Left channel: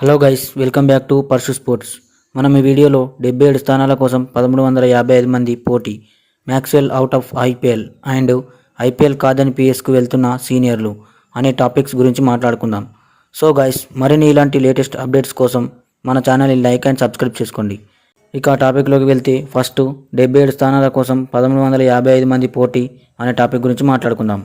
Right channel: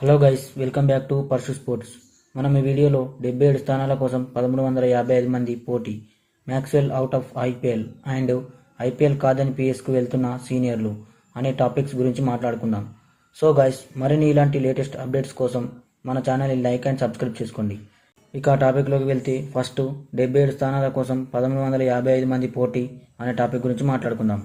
Hello guys welcome back to Parshu sports. మనం ఈ వీడియోలో డెబ్బై ఏడు స్థానాల కోసం పదమూడు వందల యాభై ఐదు మంది పోటీ Maxwell out of IPL and IPL కాదని పిఎస్కు వెళ్తున్న సీనియర్లు అనే టాపిక్స్ గురించి మాట్లాడుకుందాం. సో గైస్ మరిన్ని ఇలాంటి లేటెస్ట్ అప్డేట్స్ కోసం మన ఛానల్ని లైక్ అండ్ సబ్స్క్రైబ్ చేసుకోండి. ఇక ఆ టాపిక్లోకి వెళ్తే ఫస్ట్ డెబ్బై ఏడు స్థానాల కోసం పదమూడు వందల యాభై ఐదు మంది పోటీ అనే టాపిక్ గురించి మాట్లాడుకుందాం.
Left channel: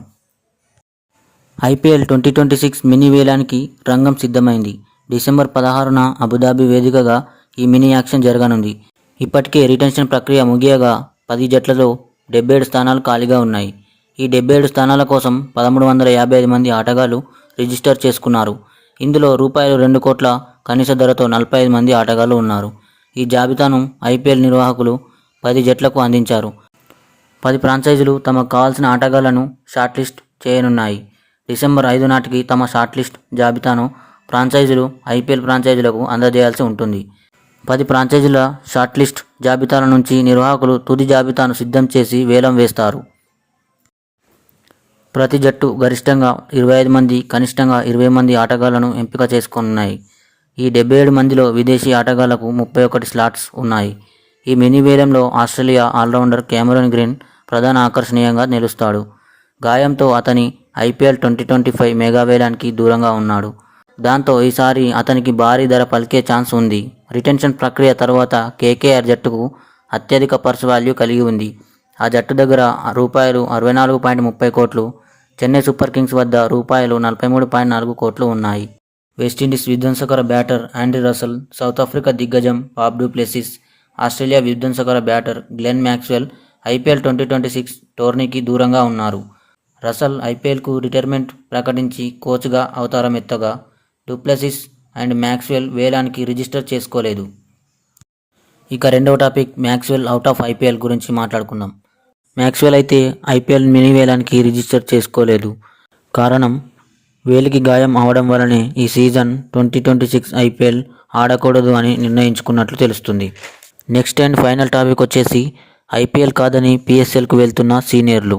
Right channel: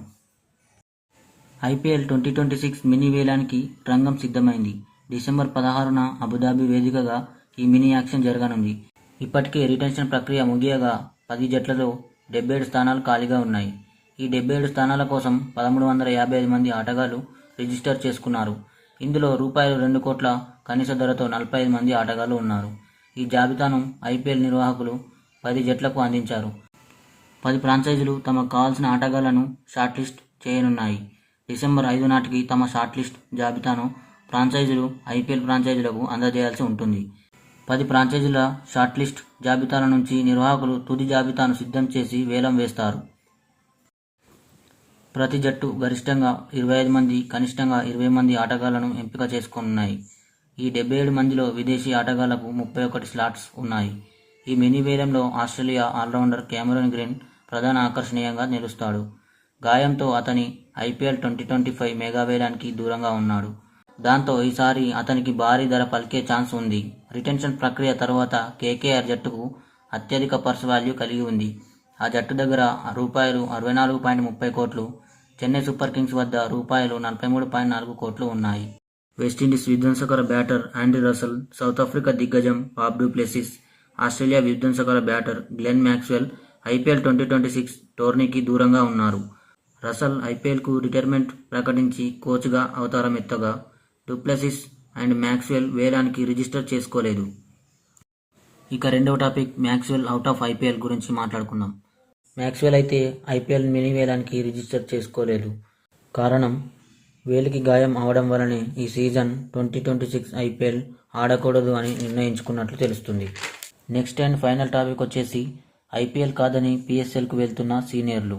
IPL twenty twenty six mini వేలానికి రంగం సిద్ధమైంది. డిసెంబర్ పదహారున అబుదాబి వేదికగా ఈ మినీ యాక్షన్ జరగనుంది. ఇప్పటికే రిటెన్షన్ ప్రక్రియ ముగియగా పది జట్లలో డెబ్బై ఏడు స్థానాలు ఖాళీగా ఉన్నాయి. ఈ డెబ్బై ఏడు స్థానాల కోసం పదమూడు వందల యాభై ఐదు మంది ఆటగాళ్ళు రిజిస్టర్ చేసుకున్నారు. ఇందులో రూపాయలు రెండు కోట్ల కనీస ధరతో నలభై ఐదు మంది ఆటగాళ్ళు ఉన్నారు. ఈ జాబితాను ఐపీఎల్ నిర్వాహకులు పది జట్లకు అందించారు. పది ఫ్రాంచైజీలు తమకు కావాల్సిన ఆటగాళ్ళను షార్ట్ లిస్ట్ చేయనున్నాయి. డిసెంబర్ ఐదు నాటికి తమ షార్ట్ లిస్ట్ జాబితాను ఫ్రాంచైజీలు ఐపీఎల్ ఫ్రాంచైజీలకు అందజేయాల్సి ఉంటుంది. పది ఫ్రాంచైజీల షార్ట్ లిస్ట్ జాబితాల నుంచి నిర్వాహకులు తుది జాబితాను సిద్ధం చేసి వేలం వేస్తారు. ప్రతి జట్టు గరిష్టంగా ఇరవై ఐదు మంది కనిష్టంగా ఇరవై మంది ఆటగాళ్ళను ఎంపిక చేసుకున్నాయి. ఈ డెబ్బై ఏడు మందిలో విదేశీ ఆటగాళ్ళకు ముప్పై ఒకటి స్లాట్స్ ఉన్నాయి. ఈ మినీ వేలంలో ఆస్ట్రేలియా ఆల్రౌండర్ కెమెరన్ గ్రీన్ ప్రధాన ఆకర్షణీయంగా నిలుస్తాడు. గాయంతో అతని IPL twenty twenty five mega వేలానికి దూరంగా ఉన్నాడు. దాంతో ఈసారి అతనికి భారీ ధర పలికే ఛాన్స్ ఉంది. రిటెన్షన్ ప్రక్రియ తర్వాత కేకేఆర్ జట్టుకు అత్యధిక పర్స్ వాల్యూ కలిగి ఉంది. ఆ జట్టు దగ్గర రూపాయలు అరవై నాలుగు పాయింట్ ముప్పై కోట్లు చెన్నై సూపర్ కింగ్స్ వద్ద రూపాయలు నలభై మూడు పాయింట్ నాలుగు కోట్లు ఉన్నాయి. West Indies విధ్వంసకర batter Andy Russell South Africa దిగ్గజం Bob du Plessis Australia విధ్వంసకర batter Glenn Maxwell IPL twenty twenty six టోర్నీకి దూరంగా ఉన్నారు. రసల్ ఐపీఎల్కు రిటైర్మెంట్ ప్రకటించి కోచ్గా అవతారం ఎత్తగా డూప్లసిస్ అండ్ మ్యాక్స్వెల్ వేలానికి రిజిస్టర్ చేసుకోలేదు. ఇక రెండవ topic Maxwell out of IPL గురించి మాట్లాడుకుందాం. మ్యాక్స్వెల్ అయితే ఐపీఎల్ మినీ వేలానికి రిజిస్టర్ చేసుకోలేదు. కారణం వేలికి గాయం అవడం వలనే ఈ season twenty twenty six IPL ఆడకూడదు అని నిర్ణయించుకున్నట్లు తెలుస్తుంది. నెక్స్ట్ అండ్ ఫైనల్ టాపిక్ వచ్చేసి ఐపీఎల్ కాదని పిఎస్ఎల్కు వెళ్తున్న సీనియర్లు.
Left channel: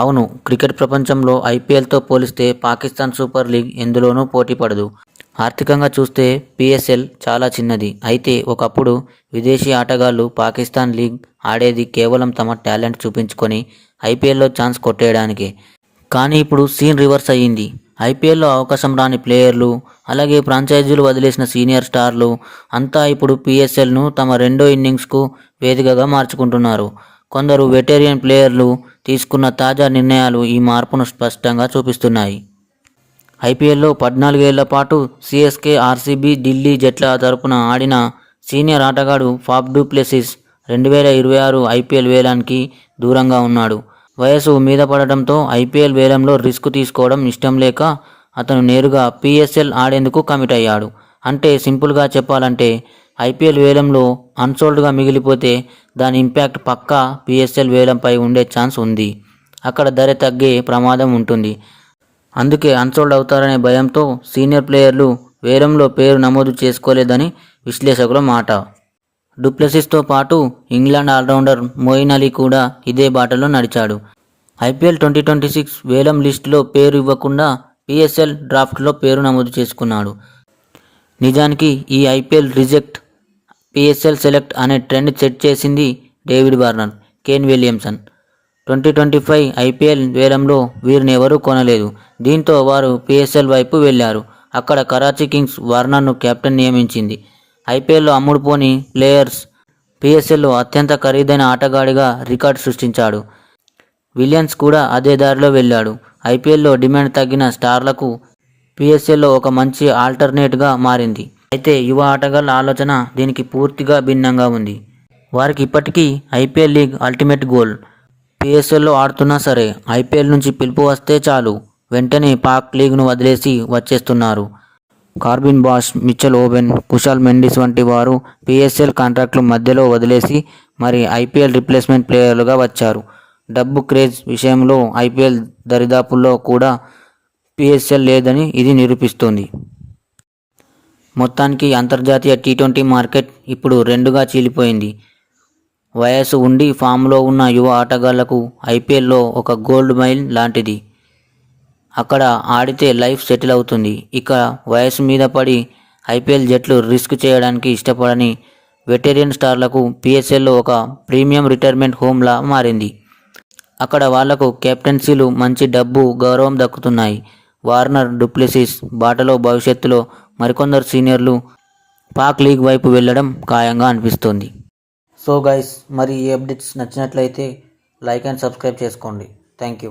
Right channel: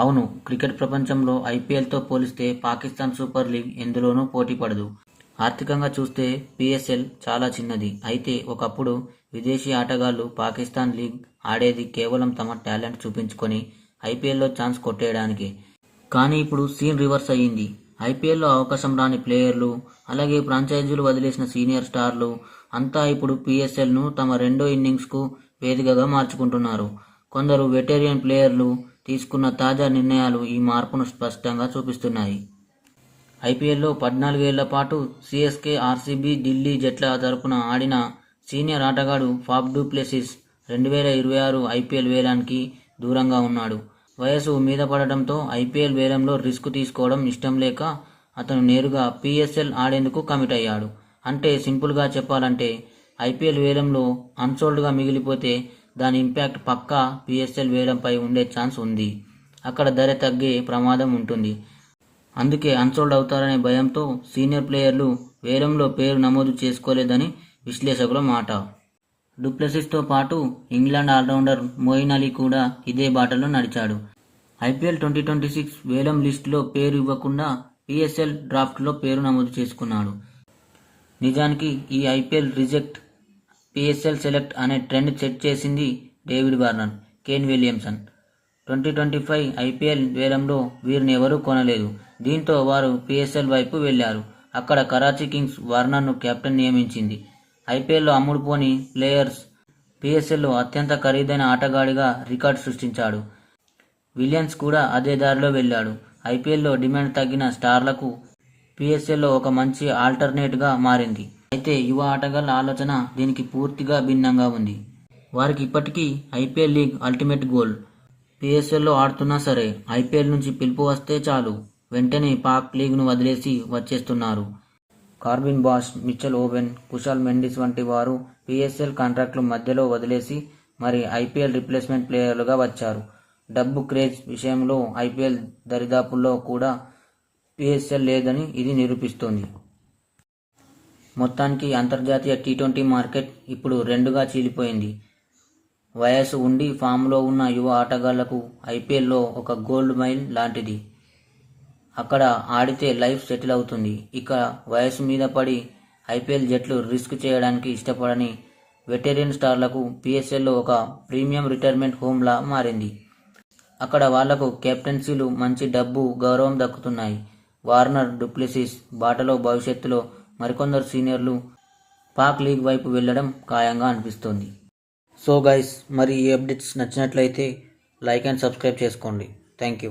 అవును క్రికెట్ ప్రపంచంలో ఐపీఎల్తో పోలిస్తే పాకిస్తాన్ సూపర్ లీగ్ ఎందులోనూ పోటీ పడదు. ఆర్థికంగా చూస్తే పిఎస్ఎల్ చాలా చిన్నది. అయితే ఒకప్పుడు విదేశీ ఆటగాళ్ళు పాకిస్తాన్ లీగ్ ఆడేది కేవలం తమ టాలెంట్ చూపించుకొని ఐపీఎల్లో ఛాన్స్ కొట్టేయడానికే. కానీ ఇప్పుడు సీన్ రివర్స్ అయ్యింది. ఐపీఎల్లో అవకాశం రాని ప్లేయర్లు అలాగే ఫ్రాంచైజీలు వదిలేసిన సీనియర్ స్టార్లు అంతా ఇప్పుడు పిఎస్ఎల్ను తమ రెండో ఇన్నింగ్స్కు వేదికగా మార్చుకుంటున్నారు. కొందరు వెటేరియన్ ప్లేయర్లు తీసుకున్న తాజా నిర్ణయాలు ఈ మార్పును స్పష్టంగా చూపిస్తున్నాయి. ఐపీఎల్లో పద్నాలుగేళ్ళ పాటు సిఎస్కే ఆర్సీబీ ఢిల్లీ జట్ల తరపున ఆడిన సీనియర్ ఆటగాడు ఫాఫ్ డూప్లెసిస్ రెండు వేల ఇరవై ఆరు ఐపీఎల్ వేలానికి దూరంగా ఉన్నాడు. వయసు మీద పడటంతో ఐపీఎల్ వేలంలో రిస్క్ తీసుకోవడం ఇష్టం లేక అతను నేరుగా పిఎస్ఎల్ ఆడేందుకు కమిట్ అయ్యాడు. అంటే సింపుల్గా చెప్పాలంటే ఐపీఎల్ వేలంలో అన్సోల్డ్గా మిగిలిపోతే దాని ఇంపాక్ట్ పక్కా పిఎస్ఎల్ వేలంపై ఉండే ఛాన్స్ ఉంది. అక్కడ ధర తగ్గే ప్రమాదం ఉంటుంది. అందుకే అన్సోల్డ్ అవుతారనే భయంతో సీనియర్ ప్లేయర్లు వేలంలో పేరు నమోదు చేసుకోలేదని విశ్లేషకుల మాట. డూప్లెసిస్తో పాటు ఇంగ్లాండ్ ఆల్రౌండర్ మోయిన్ అలీ కూడా ఇదే బాటలో నడిచాడు. ఐపీఎల్ ట్వంటీ ట్వంటీ సిక్స్ వేలం లిస్టులో పేరు ఇవ్వకుండా పిఎస్ఎల్ డ్రాఫ్ట్లో పేరు నమోదు చేసుకున్నాడు. నిజానికి ఈ ఐపీఎల్ రిజెక్ట్ పిఎస్ఎల్ సెలెక్ట్ అనే ట్రెండ్ సెట్ చేసింది David Warner Kane Williamson. Twenty twenty five IPL వేలంలో వీరిని ఎవరూ కొనలేదు. దీంతో వారు పిఎస్ఎల్ వైపు వెళ్ళారు అక్కడ కరాచీ కింగ్స్ వార్నర్ను కెప్టెన్ నియమించింది. ఐపీఎల్లో అమ్ముడుపోని ప్లేయర్స్ పిఎస్ఎల్లో అత్యంత ఖరీదైన ఆటగాడిగా రికార్డు సృష్టించాడు. విలియన్స్ కూడా అదే దారిలో వెళ్ళాడు ఐపీఎల్లో డిమాండ్ తగ్గిన స్టార్లకు పిఎస్ఎల్లో ఒక మంచి ఆల్టర్నేట్గా మారింది. అయితే యువ ఆటగాళ్ళ ఆలోచన దీనికి పూర్తిగా భిన్నంగా ఉంది. వారికి ఇప్పటికీ ఐపీఎల్ లీగ్ అల్టిమేట్ గోల్. పిఎస్ఎల్లో ఆడుతున్నా సరే ఐపీఎల్ నుంచి పిలుపు వస్తే చాలు. వెంటనే పాక్ లీగ్ను వదిలేసి వచ్చేస్తున్నారు. Corbin Bosch Mitchell Owen Kusal Mendis వంటి వారు పిఎస్ఎల్ కాంట్రాక్ట్లు మధ్యలో వదిలేసి మరి ఐపీఎల్ రిప్లేస్మెంట్ ప్లేయర్లుగా వచ్చారు. డబ్బు క్రేజ్ విషయంలో ఐపీఎల్ దరిదాపుల్లో కూడా పిఎస్ఎల్ లేదని ఇది నిరూపిస్తోంది. మొత్తానికి అంతర్జాతీయ టీ ట్వంటీ మార్కెట్ ఇప్పుడు రెండుగా చీలిపోయింది. వయసు ఉండి ఫామ్లో ఉన్న యువ ఆటగాళ్ళకు ఐపీఎల్లో ఒక గోల్డ్ మైల్ లాంటిది. అక్కడ ఆడితే లైఫ్ సెటిల్ అవుతుంది. ఇక వయసు మీద పడి ఐపీఎల్ జట్లు రిస్క్ చేయడానికి ఇష్టపడని వెటేరియన్ స్టార్లకు పిఎస్ఎల్లో ఒక ప్రీమియం రిటైర్మెంట్ హోమ్లా మారింది. అక్కడ వాళ్ళకు కెప్టెన్సీలు మంచి డబ్బు గౌరవం దక్కుతున్నాయి. వార్నర్ డూప్లెసిస్ బాటలో భవిష్యత్తులో మరికొందరు సీనియర్లు పాక్ లీగ్ వైపు వెళ్ళడం ఖాయంగా అనిపిస్తుంది. సో గైస్ మరి ఈ అప్డేట్స్ నచ్చినట్లయితే లైక్ అండ్ సబ్స్క్రైబ్ చేసుకోండి. Thank you